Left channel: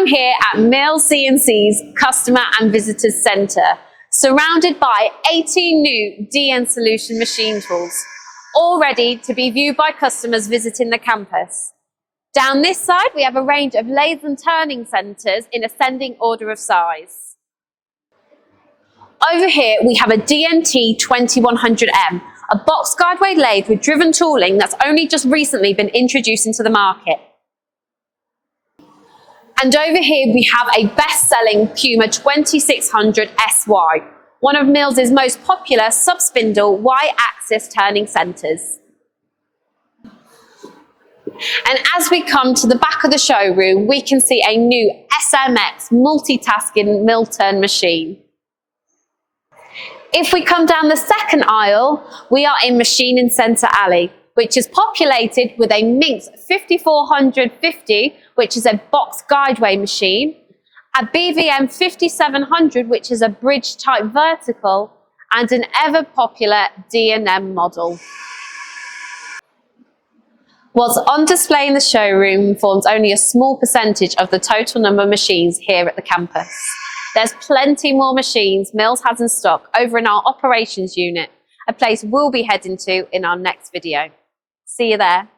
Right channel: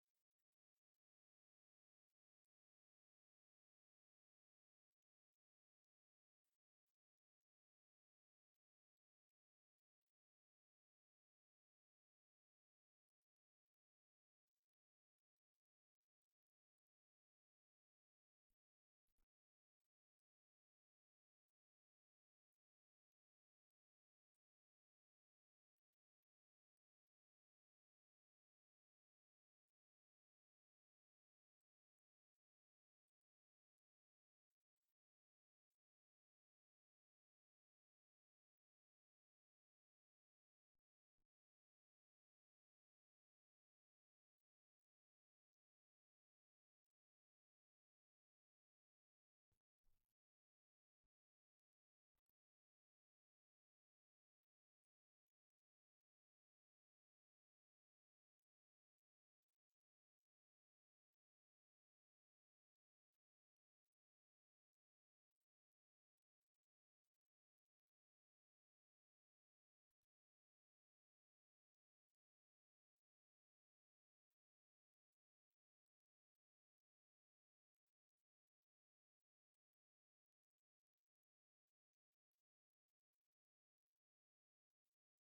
I'm here at Mills CNC's Customer and Visitors Centre, surrounded by 18 new DN Solution machine tools, all ready to be viewed by customers visiting the campus. Down this side, we have a range of lathe and turning centres in ascending order of size. Over here, we have a DNT 2100M, a box guideway lathe with driven tooling that's only just recently been introduced into the market. And over here, we have a best-selling Puma 2600 SY, one of Mills' most popular sub-spindle Y-axis turning centres. And as we come to the back of the showroom, we can see a new SMX multitasking mill turn machine. If we come down the second aisle, we are in Machining Centre Alley, which is populated with a Minx 5450, which is a box guideway machine, a BVM 5700, which is a bridge type vertical, and an ever popular D&M model. What's on display in the showroom forms only a small percentage of the total number of machines here at the campus. There's plenty more machines Mills has in stock over in our operations unit, a place we'll be heading to in our next video. See you there.